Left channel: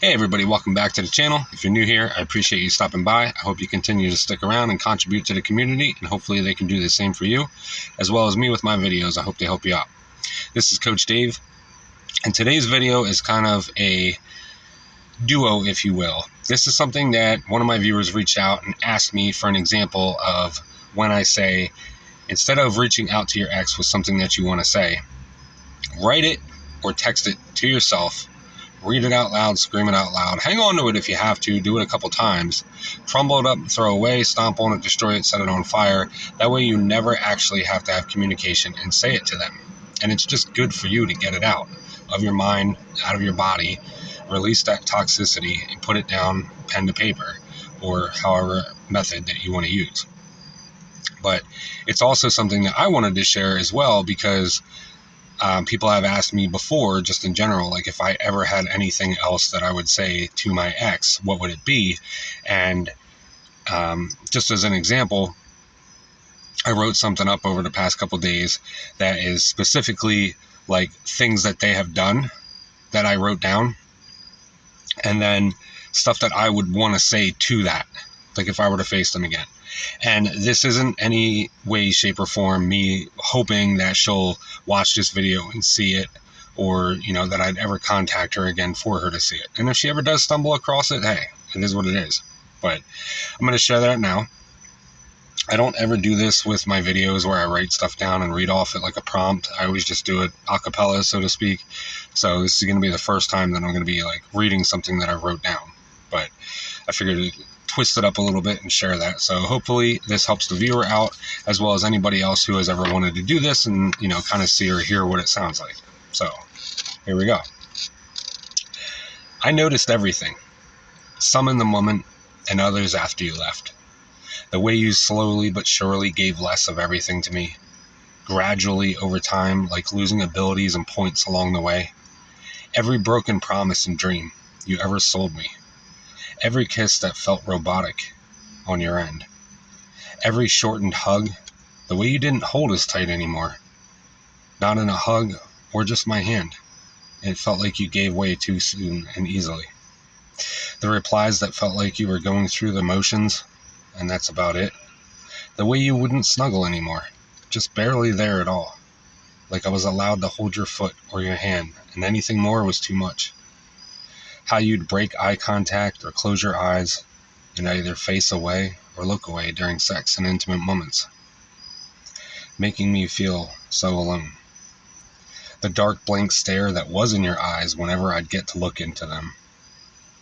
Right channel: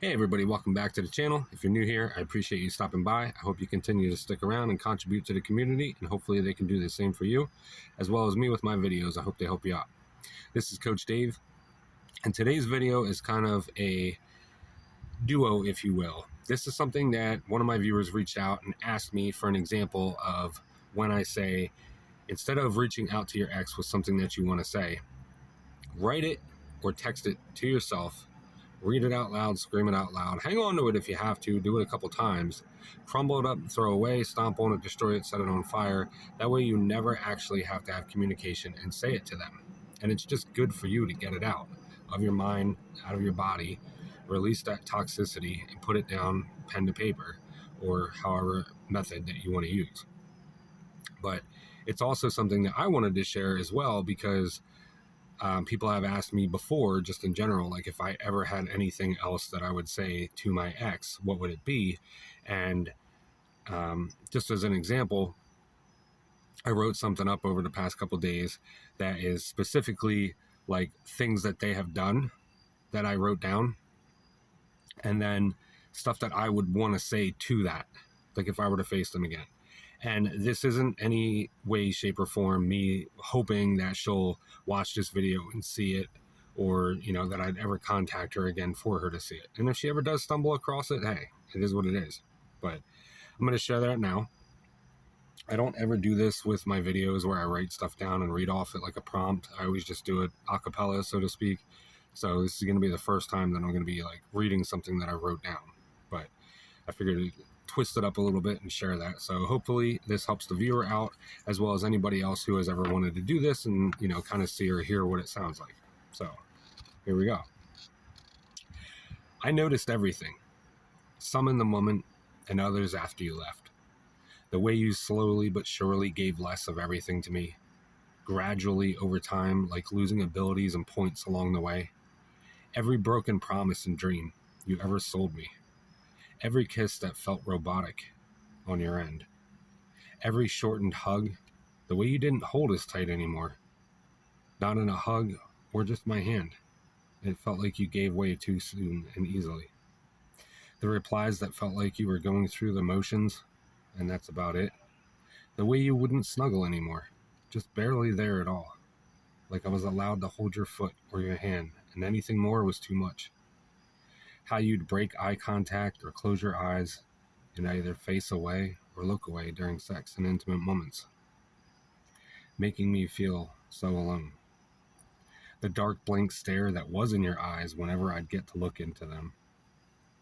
Hey everybody, welcome back to the channel. If you're new here, I appreciate you stopping by. I hope you continue to stick around and contribute to the community, and hopefully they can do the same for you, as well as me with my videos. I hope they help you out. This is Coach Dave, and today's video is kind of a duo, if you will. This is something that one of my viewers reached out and asked me for an example of when I say, instead of reaching out to your ex with something that you want to say, write it or text it to yourself. Read it out loud, scream it out loud. Hang on to it if you have to. Do it a couple times. Crumble it up, throw away, stomp on it, destroy it, set it on fire. That way you never actually have to have communication and say it to them. And it's just good for you to get it out of your mind, out of your body, release that toxicity and put it down pen to paper or however method that you want to use. But it's also something that I wanted to share as well because people have asked me before, just in general, like if I ever had anything else that I would say to my ex, what would it be? And just as an example, I wrote something up over the past couple days that is specifically like things that they have done that I wrote down, and then stuff that I would want to say to that, like if I were to face them again. And this isn't any way, shape, or form me hoping that she'll watch this video and see it, or, you know, that I'd ever contact her again for her to see it. And if she ever does stumble across it, hey, it is what it is. But I'm going to share that now. I don't ever do this with my videos where I write stuff down and read off it like a prompt. I always just do it a cappella, so to speak. So this is going to be the first time that I'm going to be like reading something that I wrote down. But I figured it twist it up a little bit and share that. So hopefully this helps the viewer out as well as anybody else who has ever wanted to do this and, you know, kind of see or hear what it sounds like. So here we go. I noticed everything, some in the moment and others after you left. The way you slowly but surely gave less of everything to me, gradually over time, like losing abilities and points along the way. Every broken promise and dream you ever sold me. Every kiss that felt robotic on your end. Every shortened hug, the way you didn't hold as tight anymore. Not in a hug or just my hand. It felt like you gave way too soon and easily. The replies that felt like you were going through the motions, and that's about it. The way you wouldn't snuggle anymore, just barely there at all. Like I was allowed to hold your foot or your hand, and anything more was too much. How you'd break eye contact or close your eyes and either face away or look away during sex and intimate moments, making me feel so alone. The dark blank stare that was in your eyes whenever I'd get to look into them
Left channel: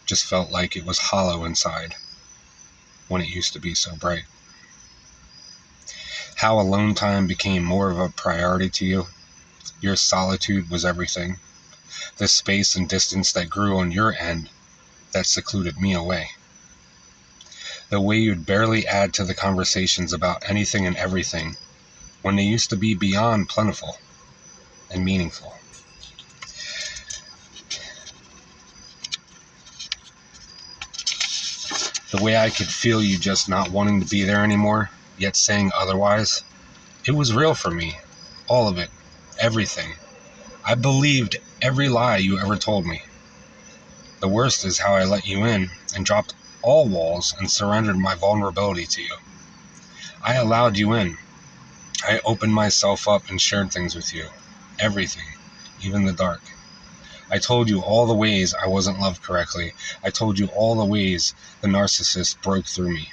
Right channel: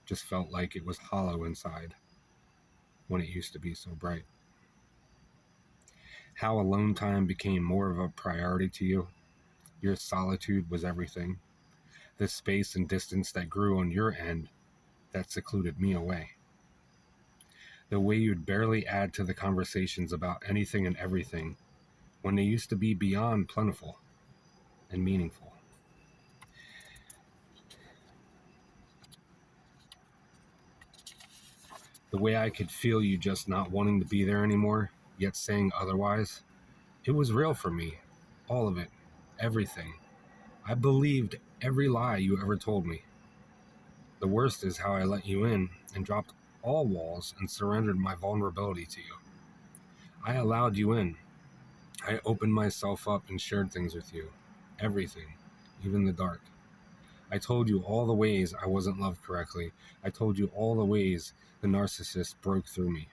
just felt like it was hollow inside when it used to be so bright. How alone time became more of a priority to you. Your solitude was everything. The space and distance that grew on your end that secluded me away. The way you'd barely add to the conversations about anything and everything when they used to be beyond plentiful and meaningful. The way I could feel you just not wanting to be there anymore, yet saying otherwise. It was real for me. All of it. Everything. I believed every lie you ever told me. The worst is how I let you in and dropped all walls and surrendered my vulnerability to you. I allowed you in. I opened myself up and shared things with you. Everything, even the dark. I told you all the ways I wasn't loved correctly. I told you all the ways the narcissist broke through me.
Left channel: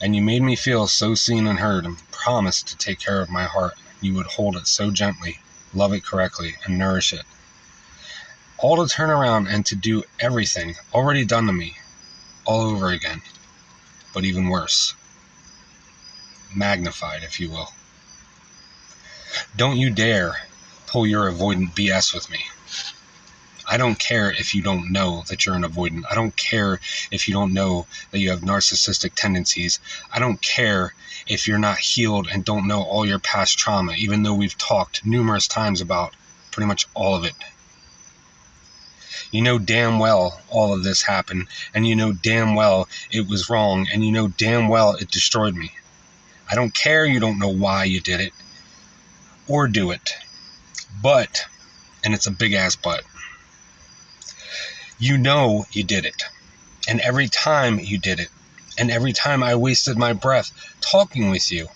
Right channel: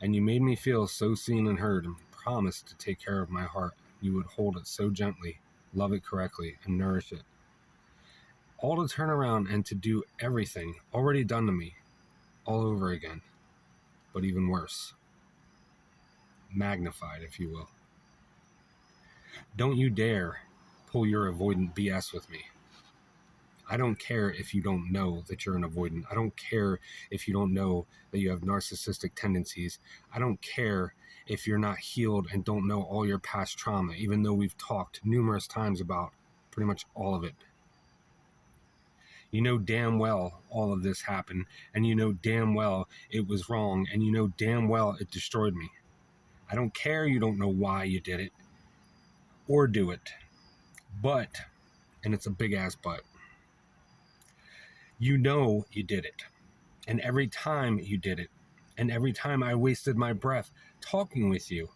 And you made me feel so seen and heard and promised to take care of my heart. You would hold it so gently, love it correctly, and nourish it. All to turn around and to do everything already done to me all over again, but even worse. Magnified, if you will. Don't you dare pull your avoidant BS with me. I don't care if you don't know that you're an avoidant. I don't care if you don't know that you have narcissistic tendencies. I don't care if you're not healed and don't know all your past trauma, even though we've talked numerous times about pretty much all of it. You know damn well all of this happened, and you know damn well it was wrong, and you know damn well it destroyed me. I don't care you don't know why you did it or do it. But, and it's a big ass but, You know you did it. And every time you did it, and every time I wasted my breath talking with you,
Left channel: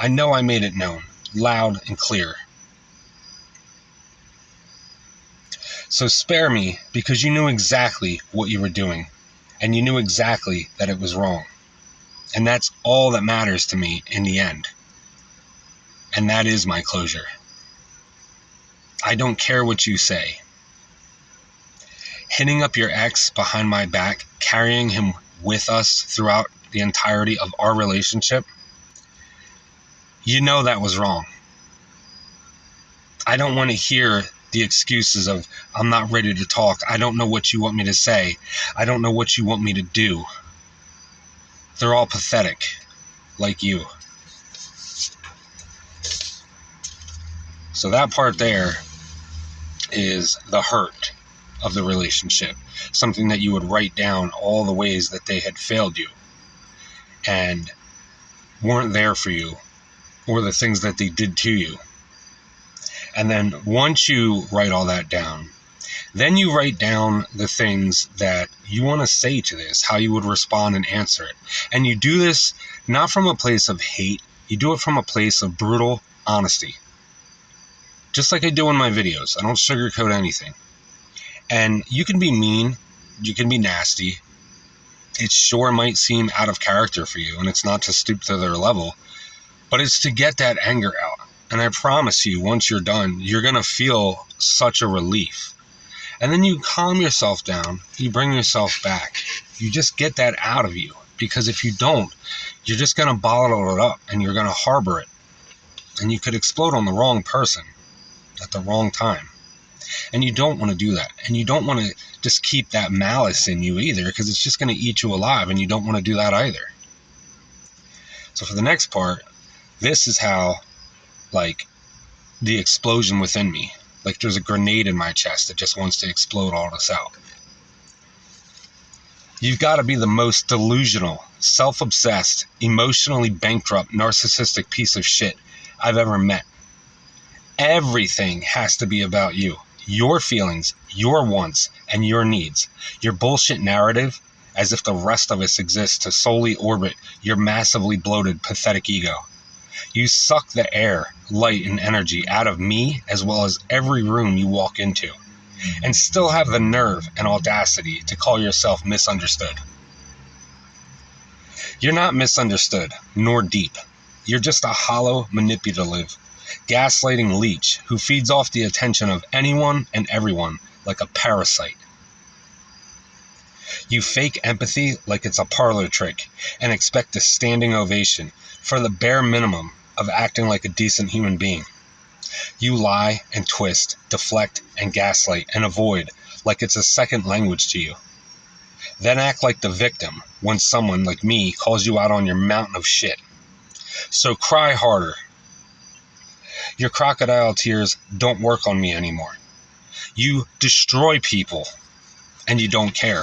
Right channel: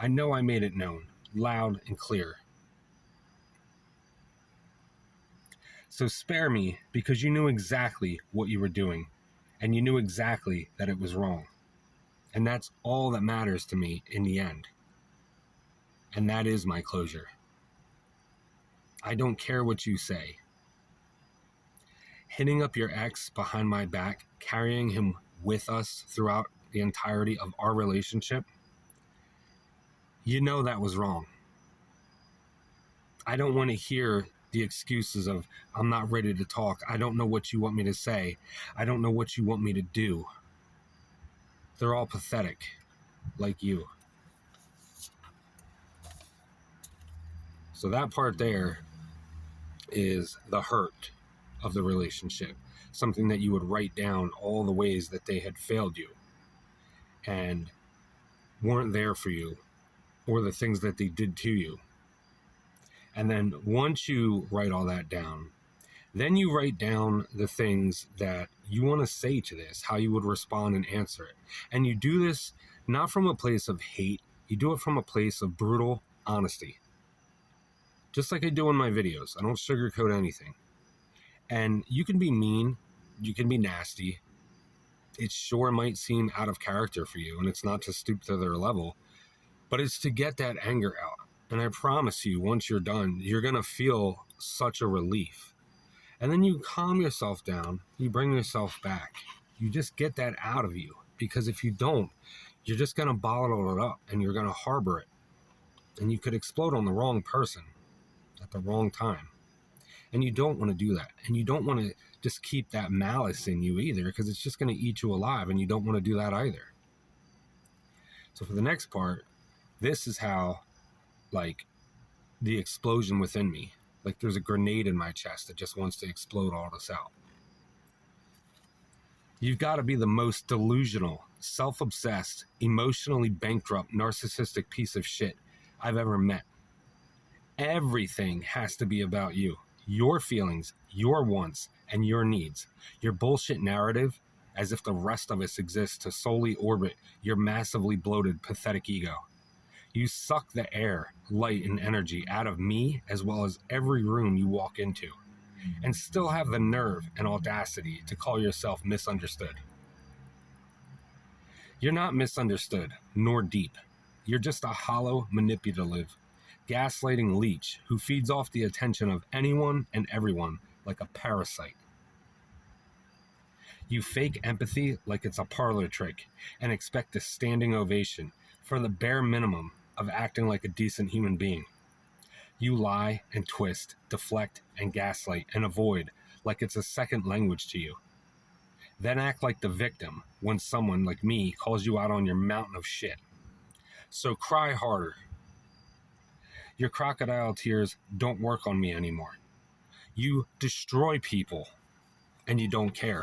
I know I made it known, loud and clear. So spare me, because you knew exactly what you were doing, and you knew exactly that it was wrong. And that's all that matters to me in the end. And that is my closure. I don't care what you say. Hitting up your ex behind my back, carrying him with us throughout the entirety of our relationship, you know that was wrong. I don't want to hear the excuses of, I'm not ready to talk. I don't know what you want me to say. I don't know what you want me to do. They're all pathetic, like you. So that part there is the hurt of the relationship. Something that you would write down, all the ways that they had failed you and weren't there for you, or the things that they did to you. And then once you write all that down, then you write down the things that you want to say to this, how you would respond and answer it. And you do this not from a place of hate, you do it from a place of brutal honesty. Just like I do in my videos. I don't sugarcoat anything. And you can be mean, you can be nasty. It sure might seem out of character for you, and it's not to stoop to their level, but it's to get that anger out. And I promise you, once you're done, you're going to feel such a relief. And then you calm yourself down, you bring yourself back. You just get that out of you, because if you don't, you're just going to bottle it up and you're going to harbor it. And you could explode on the wrong person at the wrong time. And you don't want to do that. And you don't want to just keep that malice in you either, because it's just going to eat you alive, and you don't want to do that either. So for the next part, this is how, like, the explosion within me, like there's a grenade in my chest that just wants to explode all this out. You've got to be the most delusional, self-obsessed, emotionally bankrupt, narcissistic piece of shit I've ever met. Everything has to be about you. Your feelings, your wants, and your needs. Your bullshit narrative, as if the rest of us exists to solely orbit your massively bloated, pathetic ego. You suck the air, light, and energy out of me, as well as every room you walk into, and still have the nerve and audacity to call yourself misunderstood. You're not misunderstood, nor deep. You're just a hollow, manipulative, gaslighting leech who feeds off the attention of anyone and everyone like a parasite. You fake empathy like it's a parlor trick and expect a standing ovation for the bare minimum of acting like a decent human being. You lie and twist, deflect and gaslight and avoid like it's a second language to you. Then act like the victim when someone like me calls you out on your mountain of shit. So cry harder. Your crocodile tears don't work on me anymore. You destroy people and you don't care.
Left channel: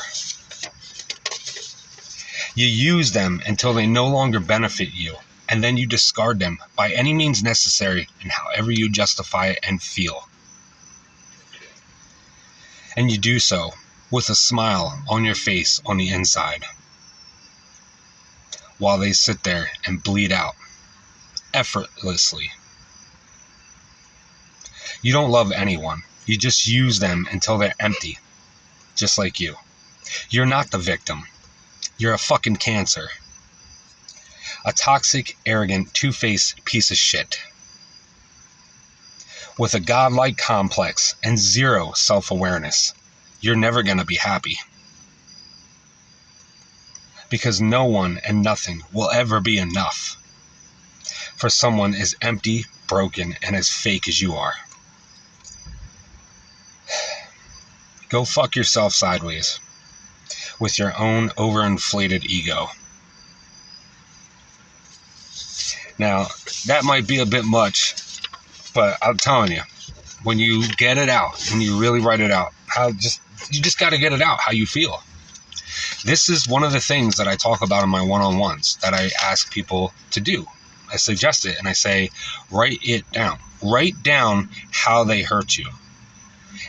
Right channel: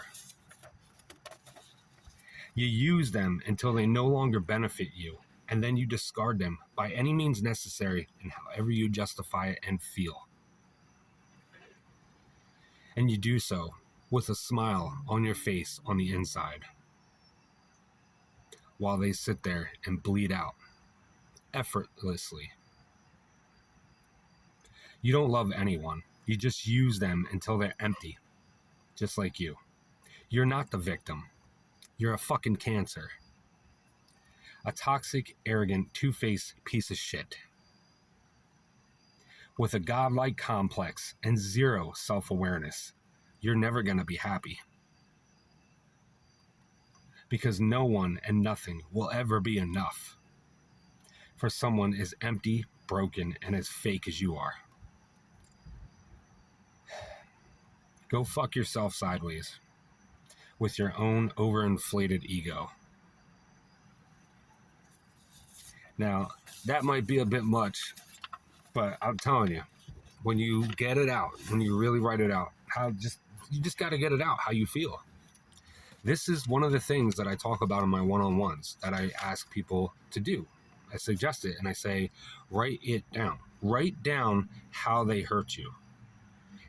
You use them until they no longer benefit you, and then you discard them by any means necessary and however you justify it and feel. And you do so with a smile on your face on the inside, while they sit there and bleed out effortlessly. You don't love anyone. You just use them until they're empty, just like you. You're not the victim. You're a fucking cancer. A toxic, arrogant, two-faced piece of shit. With a godlike complex and zero self-awareness. You're never going to be happy. Because no one and nothing will ever be enough for someone as empty, broken, and as fake as you are. Go fuck yourself sideways with your own overinflated ego. Now, that might be a bit much, but I'm telling you, when you get it out, when you really write it out, you just got to get it out how you feel. This is one of the things that I talk about in my one-on-ones that I ask people to do. I suggest it and I say, write it down. Write down how they hurt you.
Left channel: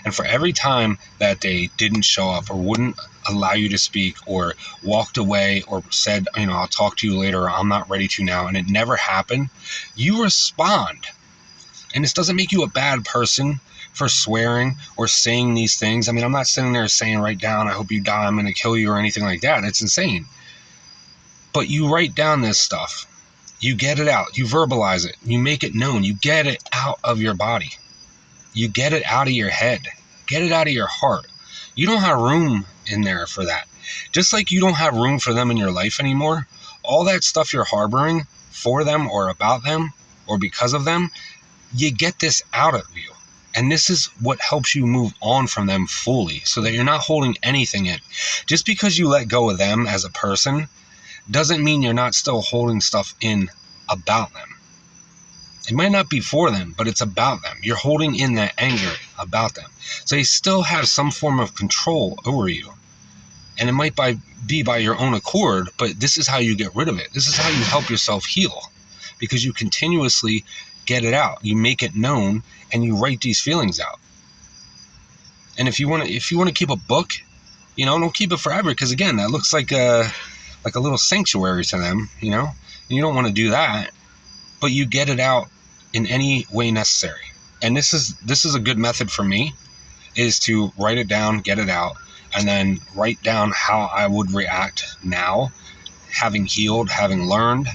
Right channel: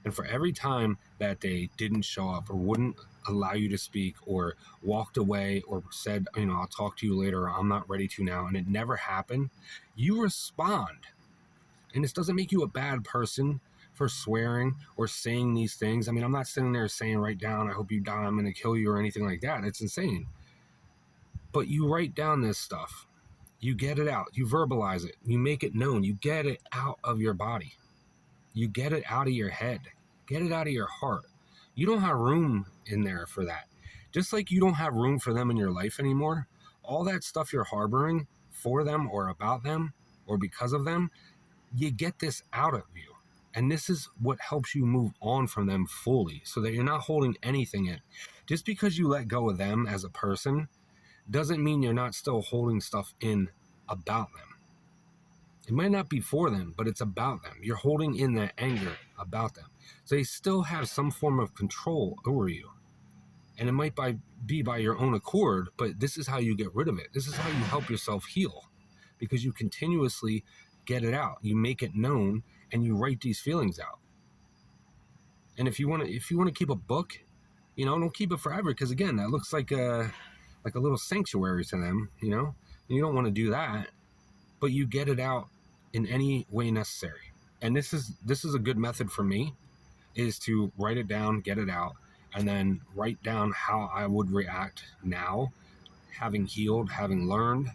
And for every time that they didn't show up or wouldn't allow you to speak or walked away or said, I'll talk to you later, or I'm not ready to now, and it never happened, you respond. And this doesn't make you a bad person for swearing or saying these things. I mean, I'm not sitting there saying, write down, I hope you die, I'm going to kill you, or anything like that. It's insane. But you write down this stuff. You get it out. You verbalize it. You make it known. You get it out of your body. You get it out of your head. Get it out of your heart. You don't have room in there for that. Just like you don't have room for them in your life anymore, all that stuff you're harboring for them or about them or because of them, you get this out of you. And this is what helps you move on from them fully, so that you're not holding anything in. Just because you let go of them as a person doesn't mean you're not still holding stuff in about them. It might not be for them, but it's about them. You're holding in that anger about them. So they still have some form of control over you. And it might be by your own accord, but this is how you get rid of it. This is how you help yourself heal, because you continuously get it out. You make it known, and you write these feelings out. And if you want to keep a book, don't keep it forever, because again, that looks like a little sanctuary to them, and you don't want to do that. But you get it out in any way necessary. And this is a good method for me, is to write it down, get it out, and then write down how I would react now, having healed, having learned.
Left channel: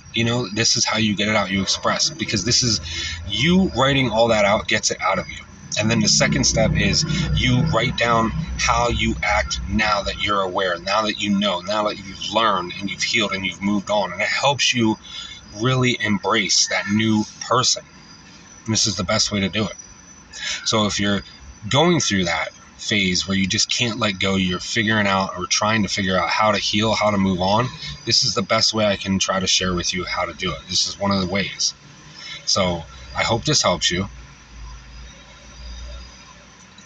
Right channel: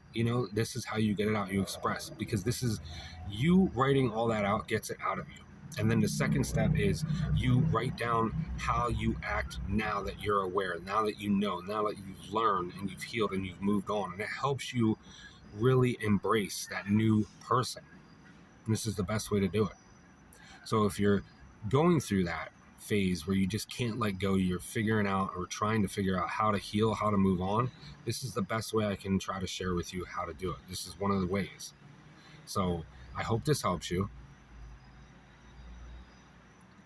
This is how you get it out, you express, because this is you writing all that out gets it out of you. And then the second step is you write down how you act now that you're aware, now that you know, now that you've learned and you've healed and you've moved on. And it helps you really embrace that new person. And this is the best way to do it. So if you're going through that phase where you just can't let go, you're figuring out or trying to figure out how to heal, how to move on, this is the best way I can try to share with you how to do it. This is one of the ways. So I hope this helps you.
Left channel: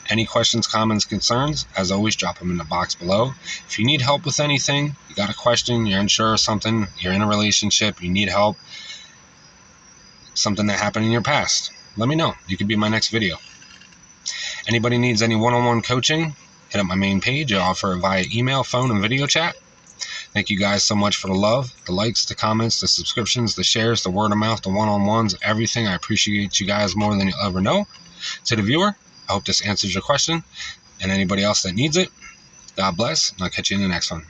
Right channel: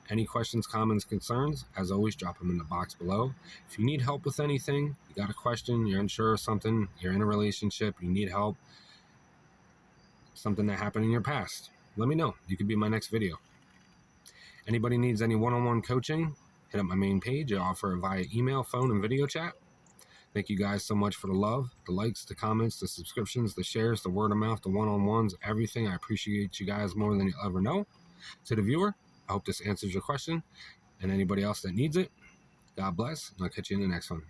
Any questions, comments, concerns, as always, drop them in the box below. If you need help with anything, you got a question, you're unsure of something, you're in a relationship, you need help, something that happened in your past, let me know. You could be my next video. Anybody needs any one-on-one coaching, hit up my main page. I offer it via email, phone, and video chat. Thank you guys so much for the love, the likes, the comments, the subscriptions, the shares, the word of mouth, the one-on-ones, everything. I appreciate you guys more than you'll ever know. To the viewer, I hope this answers your question. And anybody else that needs it, God bless, and I'll catch you in the next one.